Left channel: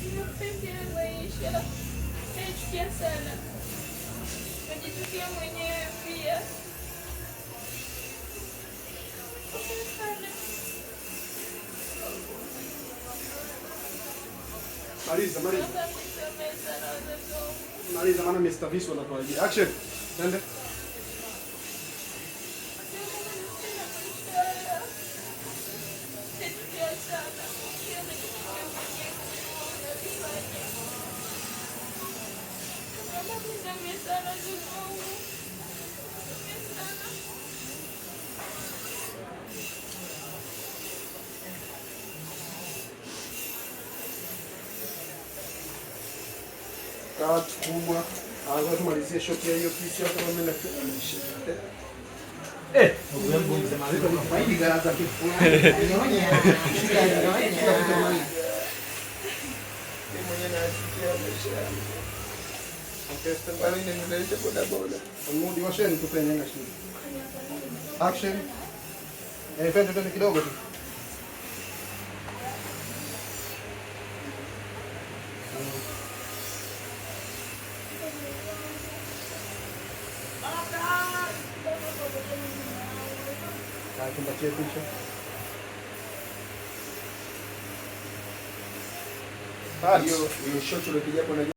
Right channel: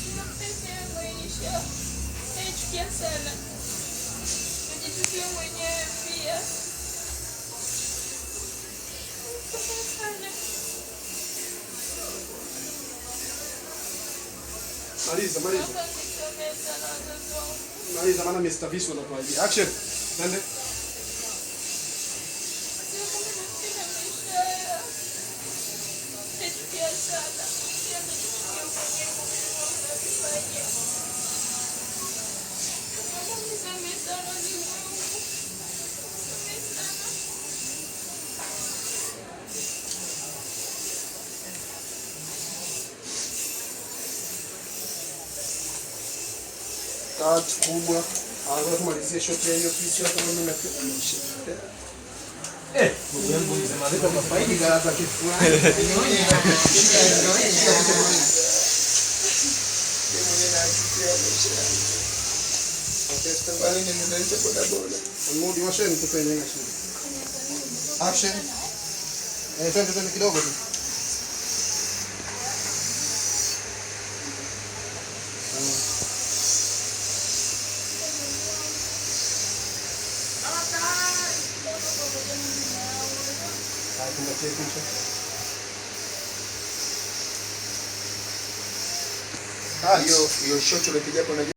Sijapendi maisha. Naichukia sana. Najichukia mwenyewe pia. Maliza. Maliza maana Mr. Visu anatuaje. Action. Twende. Cut kubwa. Alafu tumalizie shot ya hiyo picha kama mimi na Mungu wangu msema leo kwa faida hata kitu. Okay, stand by ni ndio boda boda. Mudi washeni tupende nyinyi. Action. Twende kidogo tu. Kumbatia picha. Hiyo shot ulipiga hapo na